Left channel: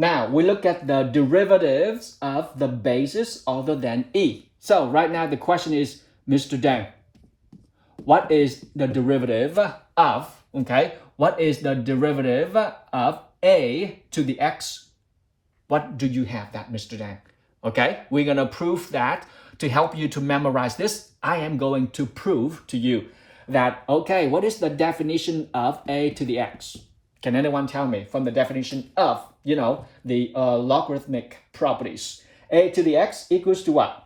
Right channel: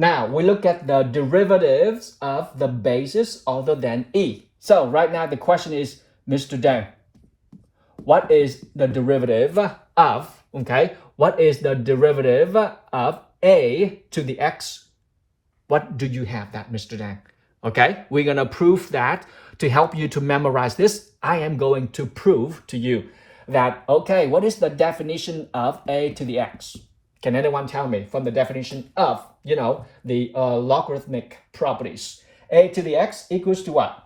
Now we look at the derivatives of the basis other than e. So right now the question is, Mr. Dan, what is the derivative of, okay, what is the derivative of a to the x? What do you have that, Mr. Dan? Okay, we're going to prove that. To help you to memorize this, I am going to prove to you that, okay, what is the definition of a to the x? Can anyone tell me from the definition of, the logarithmic properties? A to the x equals to what?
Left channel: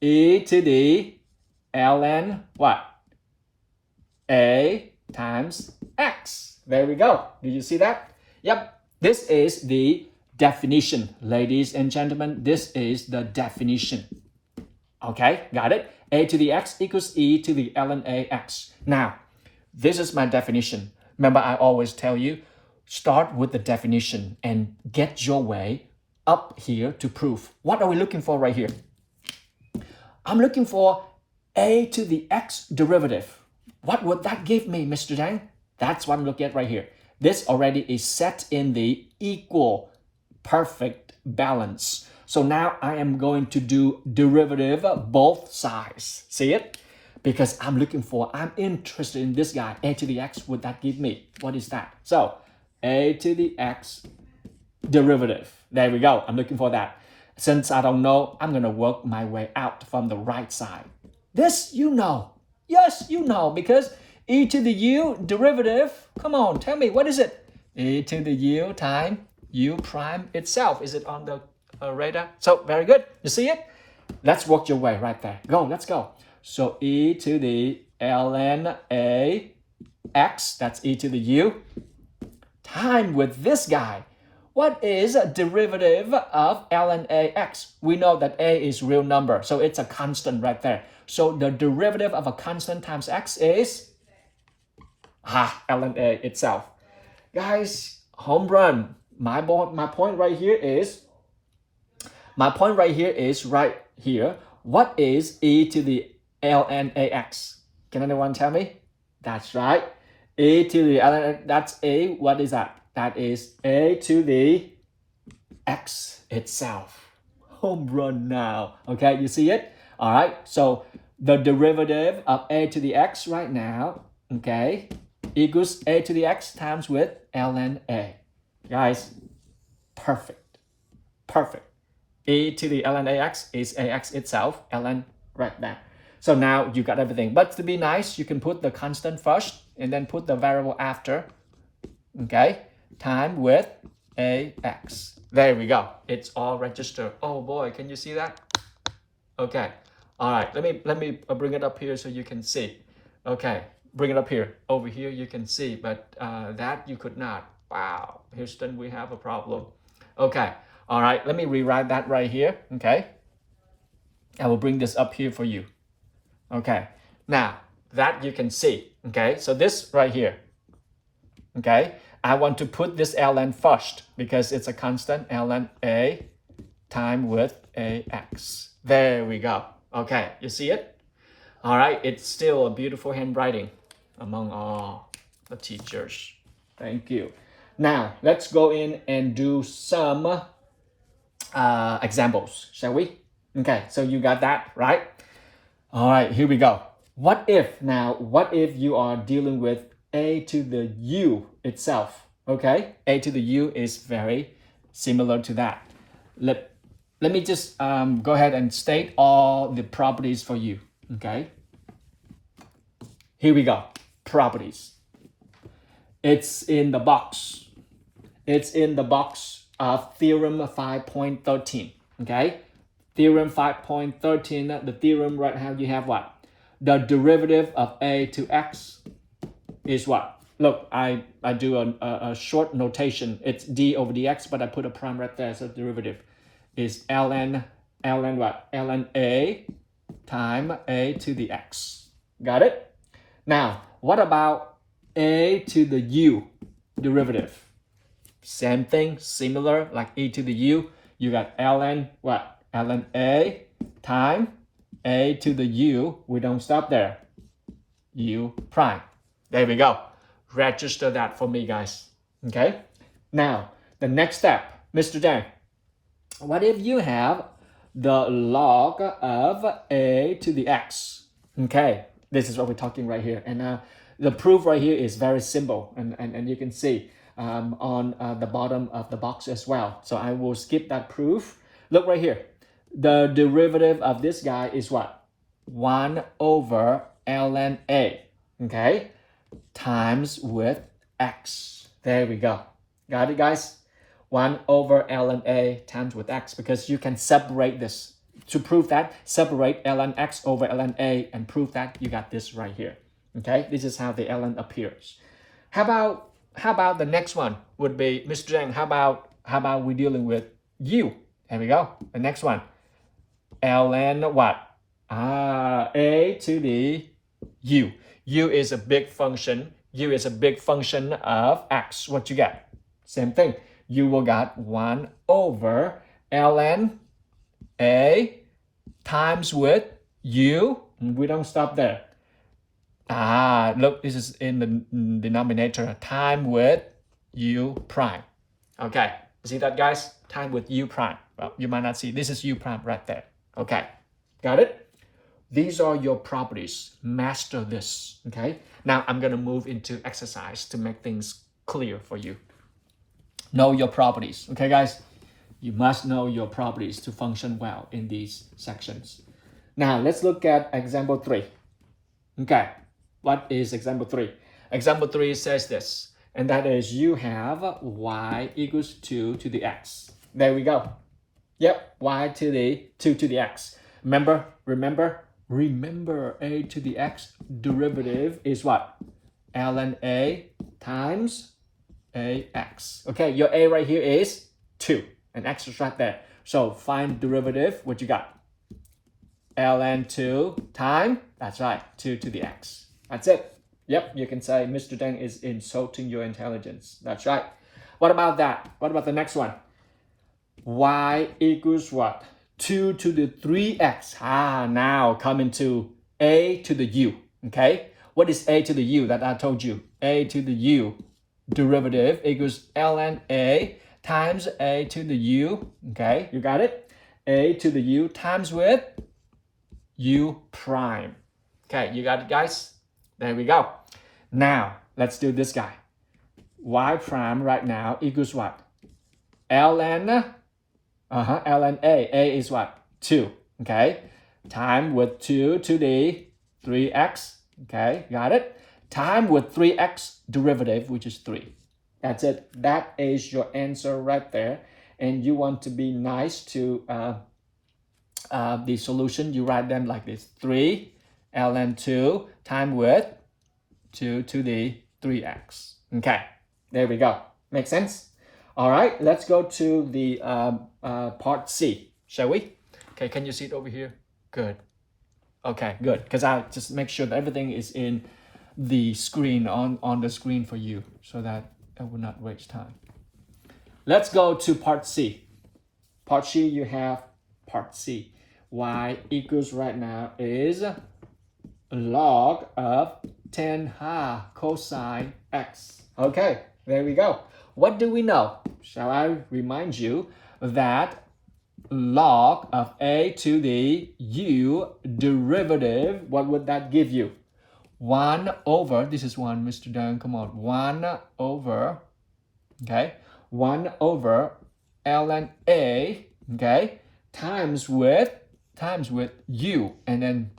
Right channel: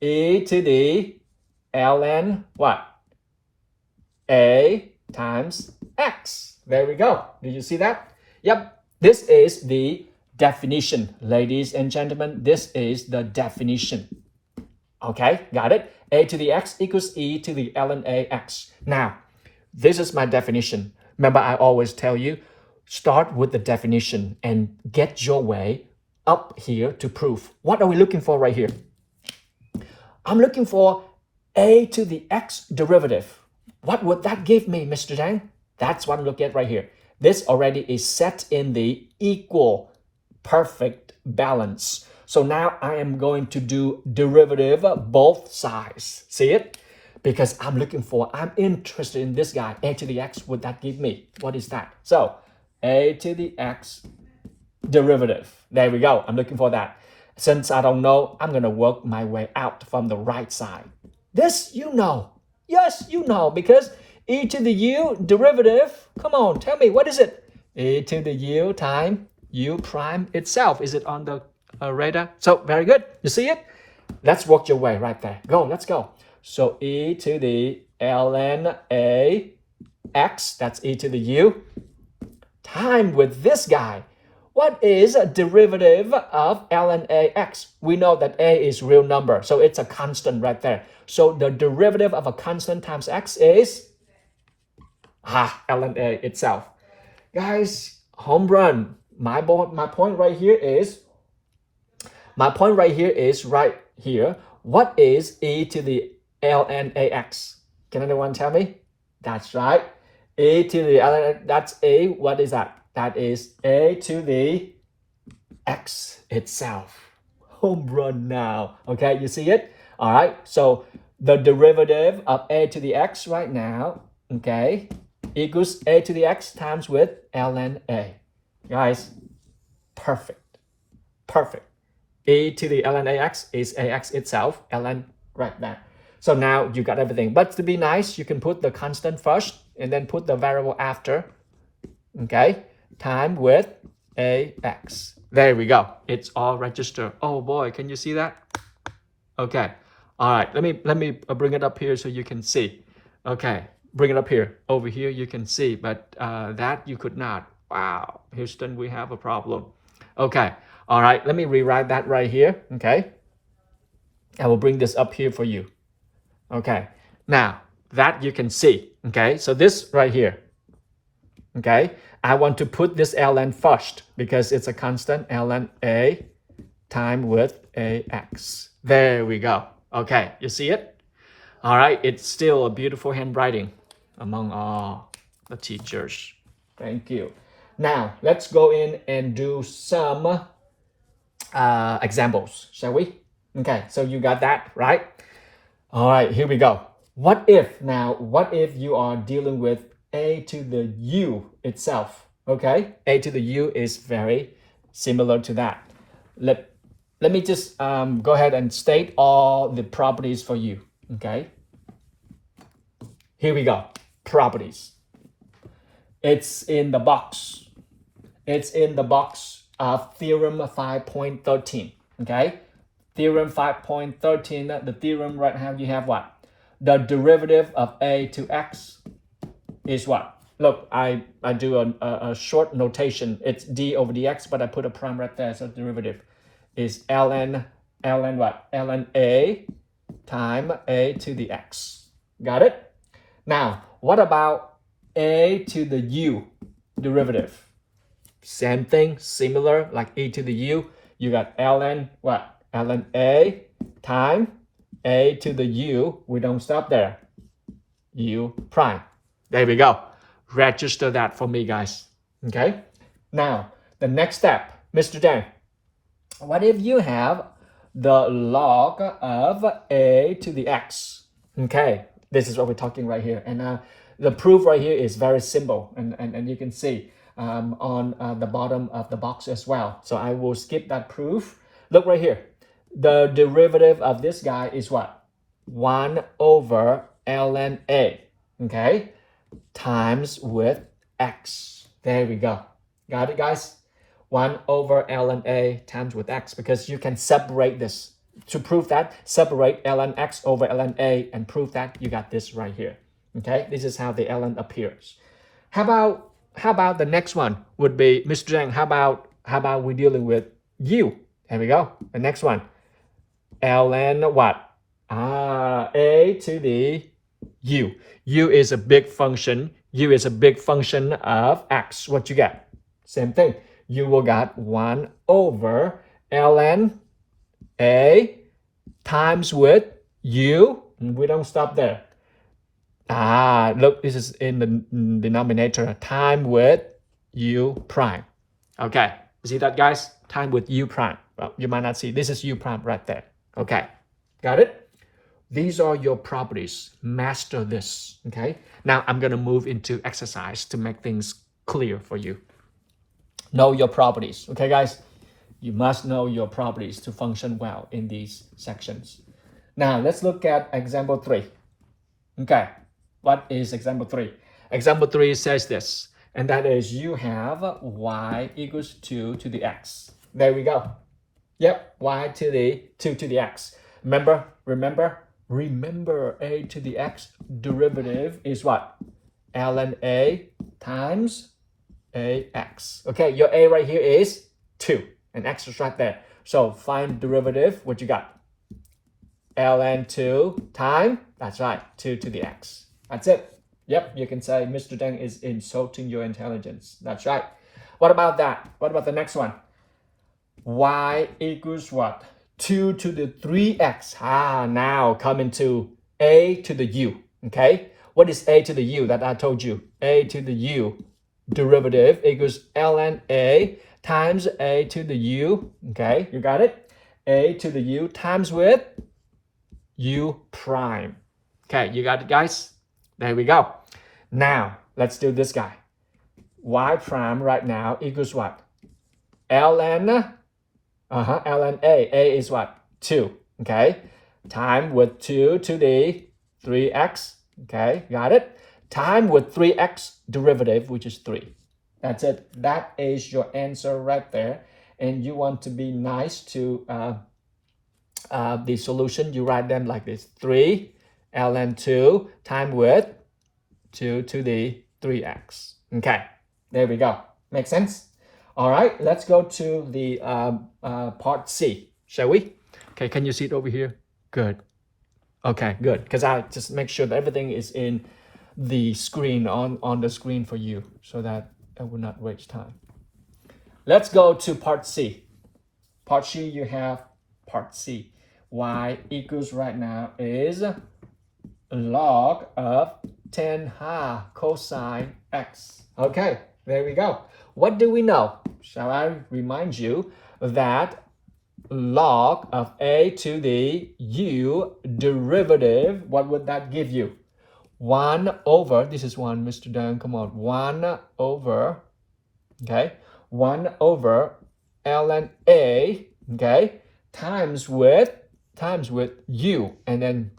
E to the ln what? A times x. There we go. Did you see that? Yep. This is the definition, ladies and gentlemen. This is the definition. Okay, got it? A to the x equals e to the ln ax. Now, this is my definition. Remember, I always tell you, start with the definition and get your way up here to proof. What are we looking for right here? I'm looking for a to the x derivative. What would that give me, Mr. Zhang? That's what I'm looking at right here. This already is set in the equal perfect balance. So now I am going to do derivative both sides. See it? Because I'm interested in this guy. A to the x, would that give me? What is that? So a to the x derivative. There we go. I'm looking for that. Since I don't know, I'm going to work my way out from the right side. This you know. Yes, you know, because e to the u derivative, come on, tell me, what is it? E to the u times u prime itself. Is it on the radar? So, very good. You see it? Let's work your way right there. Go, let's go. So, e to the ln a x, that's e to the u, time with this guy. What is a derivative of ln a x? We know that a is real number, so it's a constant right there. So the derivative of a constant times x is ln a itself. Guys, home run. My point right here is right here. What is e to the ln ax? Can anyone tell me? That's right. E to the ln, that's a, what is that? That is a to the x itself. Home run now. Okay, you see it? All right, so the derivative of a to the x right now, okay, equals a to the x times with ln a. Guys, perfect. E to the ln ax is ax itself, ln right there. So now you got everything. But to be nice, you can put the constant first and then put the variable after, okay, time with ax. There we go. It's all registered. Oh boy, can you see that? Okay. All right, let me bring it up here so you can see. Okay, bring it up here. Over here you can see, but that you could not. Wow, Houston, we have a problem. Okay, all right, let me rewrite that right here, okay? I will bring this up here for you. Okay, now that you can see, okay? So this right here, okay? I want to put this ln first because it's a constant, ln a time with ax. There we go. Okay, you see it? All right, it's still a beautiful handwriting among all the teachers. Thank you. Now, let's go in and do some examples, shall we? Okay, so you got that, right? All right, here we go. What if you are dealing with a to the u itself, okay? A to the u is very similar to that. Let me just go ahead and state all the properties for you, okay? Here we go, properties. It's in the box. It's in the box of theorem 5.13, okay? Theorem 5.13, the theorem right now you have what? The derivative of a to x is what? Look, I do a short notation. It's d over dx, but I put a prime right there, so derivative is ln what? ln a time a to the x. Got it? Now, what about a to the u derivative? Same thing, similar, like e to the u. You got ln what? ln a time a to the u. We don't stop there. U prime. There we go. Register that for me, guys. Okay? Now, the next step. Mr. Dan, what if you have the log of a to the x? Okay, this is what we're talking right here. And the proof right here is very simple. And you can see on the bottom of the box as well. So I will skip that proof. Look right here. The derivative of this guy is what? 1 over ln a, okay, times with x. There we go. Got it, guys? 1 over ln a times with x, because you can separate this. To prove that, separate ln x over ln a and prove that you got this right here. Okay, this is how the ln appears. How about the next one would be, Mr. Zhang, how about we dealing with u? Here we go. The next one. ln what? A to the u. U is a big function. U is a big function of x. What you get? Same thing. You will get 1 over ln a times with u. We don't stop there. Look, this is in the denominator. Time with u prime. Okay, see that, guys? Time with u prime. Well, you might not see. This is u prime right there. Okay, got it? These are your properties. Master this, okay? Now I'm gonna move into exercise to make things clear for you. Know your properties, okay, guys? You must know your properties to function well in these sections. Now let's look at example 3. Okay, what is example 3? Example 3 says this, and that is you have y equals 2 to the x. There we go. Yep, y to the 2 to the x. Remember a to the x derivative is what? ln a times ax. Okay, your a right here is 2 and x is right there. So find derivative, what you got? ln 2 times, that's right, 2 to the x. That's it. Yep, you can say Mr. Deng is insulting your intelligence. That's right. What about that? What about the next one? Y equals what? 2 to the 3x. Now coming to a to the u. Okay, what is a to the u that I told you? A to the u derivative equals ln a times a to the u. Okay, you got it? A to the u times with u prime. Okay, you got it, guys? There we go. Now let's do this guy. Y prime right now equals what? ln ln a is what? 2, okay? Time with 2 to the 3x, okay? Got it? Time with 3x derivative, which is 3. That's it. That is your answer right there. And you want to be nice to the solution. You write them like this. 3 ln 2 time with 2 to the 3x. Okay, there we go. Make sense? All right, let's go to the part C, shall we? Okay, can you see it over here? Good. Okay, good. Because I just make sure that everything is in the screen, on the screen for you, so that I will not waste time. Let's go to part C. Part C, you have part C. Y equals right now is log of 10 cosine x. Okay, there we go. What do we know? Shall I remind you that log of a to the u derivative, what would that give you? 1 over, this is 1, Mr. Dan, come on, 1 over, okay, 1 over ln a, okay, times with u, and then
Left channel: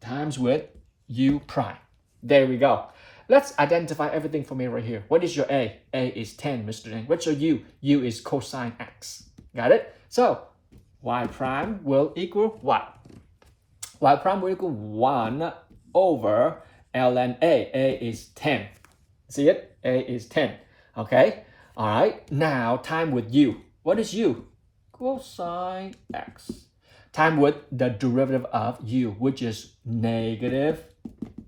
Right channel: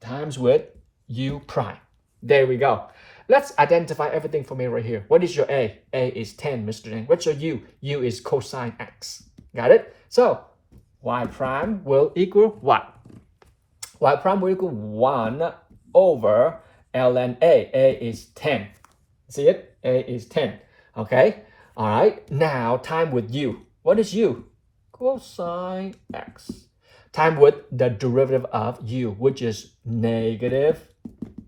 times with u prime. There we go. Let's identify everything for me right here. What is your a? A is 10, Mr. Deng. What's your u? U is cosine x. Got it? So y prime will equal what? Y prime will equal 1 over ln a. A is 10. See it? A is 10. Okay? All right. Now time with u. What is u? Cosine x. Time with the derivative of u, which is negative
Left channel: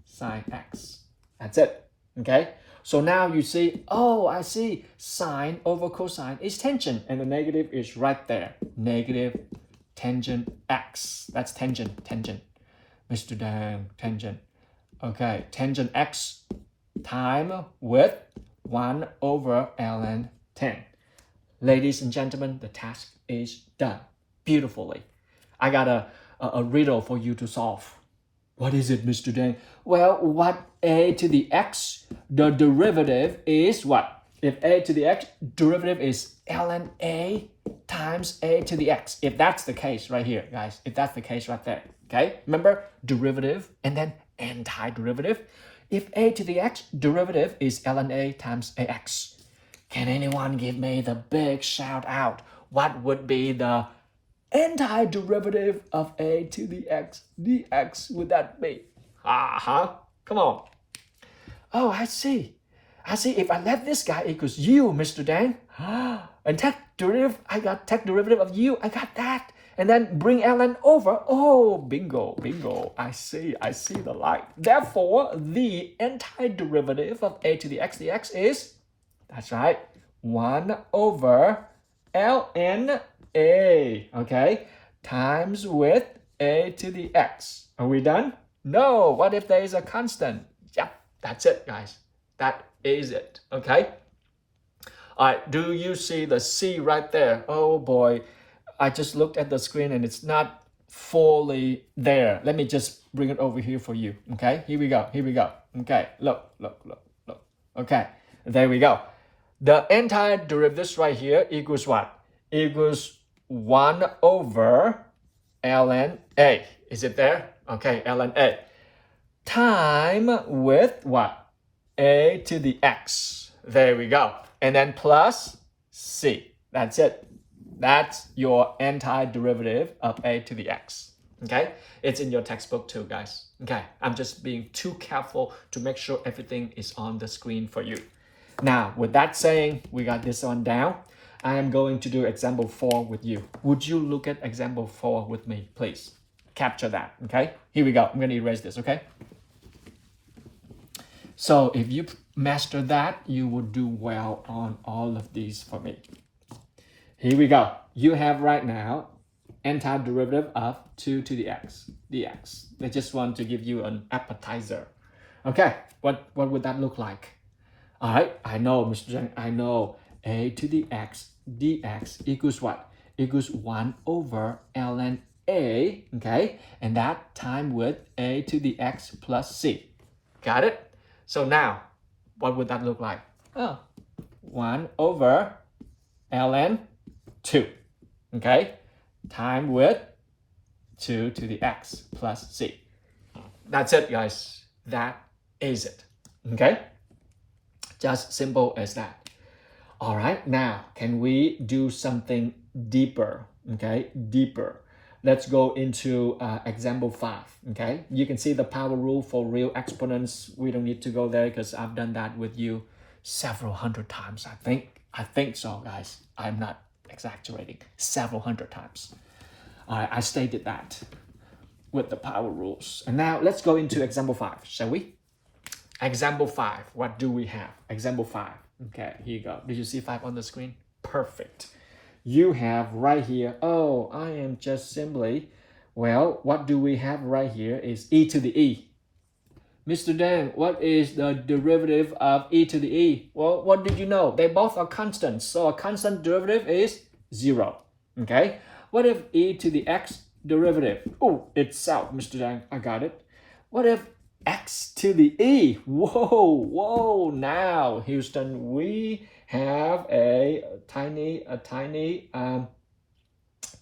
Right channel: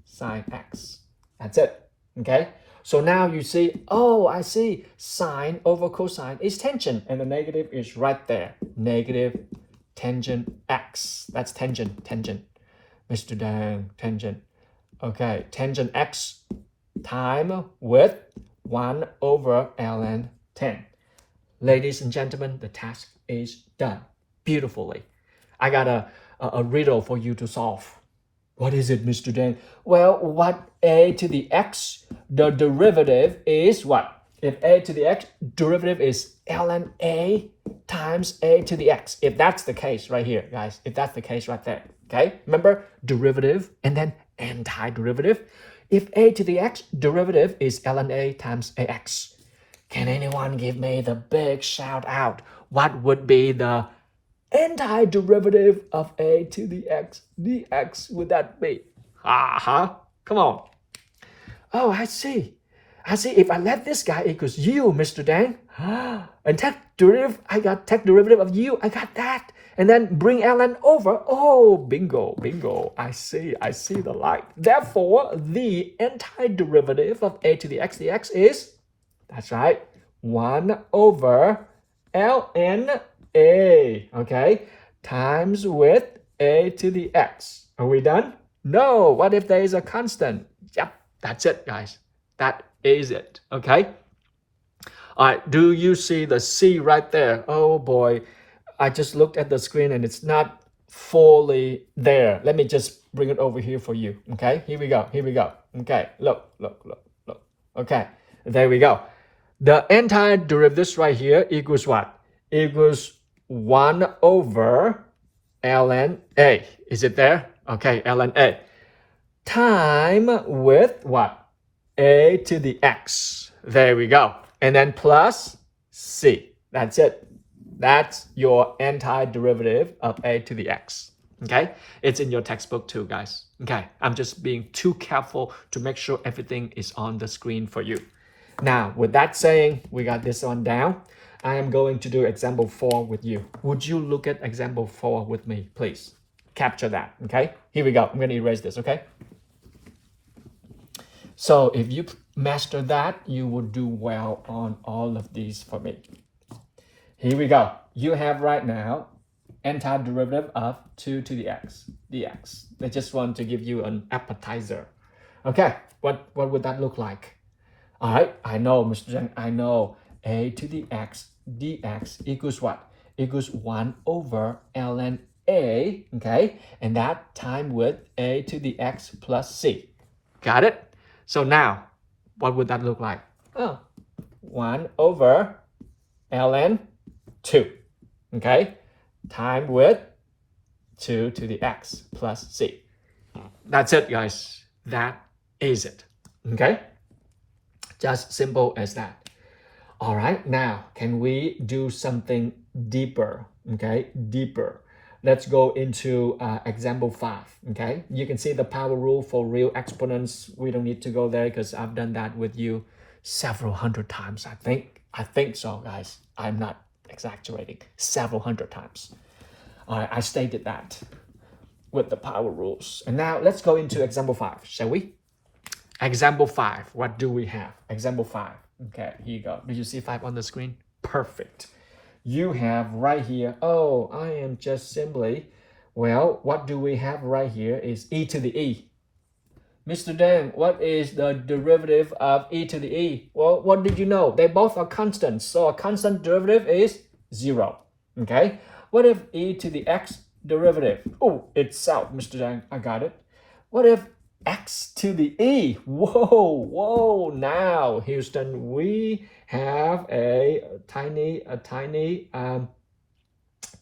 sine x. That's it. Okay? So now you see, oh, I see sine over cosine is tangent, and the negative is right there. Negative tangent x. That's tangent. Mr. Dang, tangent. Okay, tangent x time with 1 over ln 10. Ladies and gentlemen, the task is done beautifully. I got a riddle for you to solve. What is it, Mr. Dan? Well, what a to the x, the derivative is what? If a to the x, derivative is ln a times a to the x. If that's the case right here, guys, if that's the case right there, okay? Remember, derivative and then antiderivative. If a to the x, derivative is ln a times ax. Can anyone give me the big shout out? What would be the antiderivative of a to the x dx would that be? Come on. Oh, I see. If I let this guy equals u, Mr. Dan, and take derivative, I got take derivative of u, I got that. And then bring ln over. Oh, bingo. I see the light. Therefore, the antiderivative of a to the x dx is, that's right, 1 over ln a, okay, times with a to the x. Are we done? No. What if there is a constant? Yep, that's it, guys. That is it, okay? All right, do you see the C right there? Oh boy, I just looked at the screen and it's not fully there. Let me just bring it over here for you, okay? Here we go. Okay, look. Okay, there we go. The antiderivative right here equals what? Equals 1 over ln a. Is it there? Okay, ln a. Time with what? A to the x. There we go. And then plus c. That's it. That's your antiderivative of a to the x. Okay? It's in your textbook too, guys. Okay, I'm just being too careful to make sure everything is on the screen for you. Now, with that saying, we got this one down. I am going to do example 4 with you. Would you look at example 4 with me, please? Capture that, okay? Here we go. I'm going to erase this, okay? So if you master that, you will do well on all of these for me. Here we go. You have right now antiderivative of 2 to the x dx. I just want to give you an appetizer. Okay, what would that look like? All right, I know, Mr. Zhang, I know. A to the x dx equals what? Equals 1 over ln a, okay? And that time with a to the x plus c. Got it? So now, what would that look like? 1 over ln 2, okay? Time with 2 to the x plus c. That's it, guys. That is it, okay? Just simple as that. All right, now, can we do something deeper, okay? Deeper. Let's go into example 5, okay? You can see the power rule for real exponents. We don't need to go there because I've done that with you several hundred times, I think so, guys. I'm not exaggerating. Several hundred times. I stated that with the power rules. And now let's go into example 5, shall we? Example 5, what do we have? Example 5. Okay, here you go. Did you see 5 on the screen? Perfect. You have right here, oh, I am just simply, well, what do we have right here is e to the e. Mr. Dan, what is the derivative of e to the e? Well, what did you know? They both are constants, so a constant derivative is 0. Okay, what if e to the x derivative? Oh, itself, Mr. Dan, I got it. What if x to the e? Whoa, now, Houston, we have a tiny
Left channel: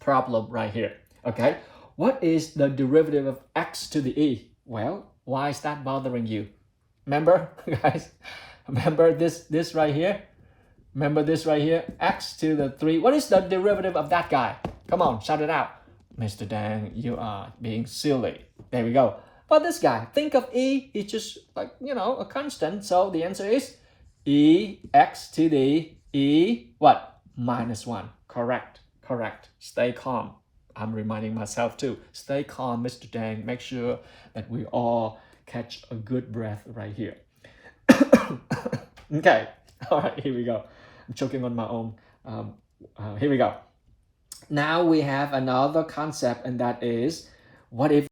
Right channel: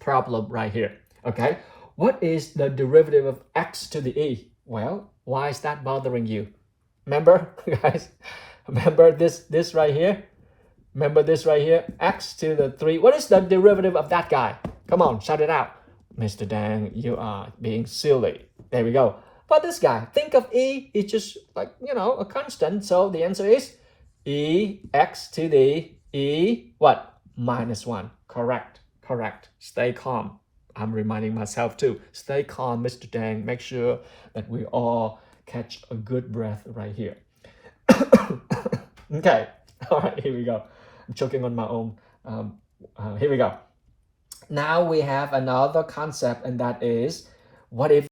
problem right here, okay? What is the derivative of x to the e? Well, why is that bothering you? Remember, guys? Remember this right here? Remember this right here? X to the 3. What is the derivative of that guy? Come on, shout it out. Mr. Dan, you are being silly. There we go. But this guy, think of e, it's just like, a constant. So the answer is e x to the e, what? -1. Correct. Stay calm. I'm reminding myself too. Stay calm, Mr. Dan. Make sure that we all catch a good breath right here. Okay. All right, here we go. I'm choking on my own. Here we go. Now we have another concept, and that is, what if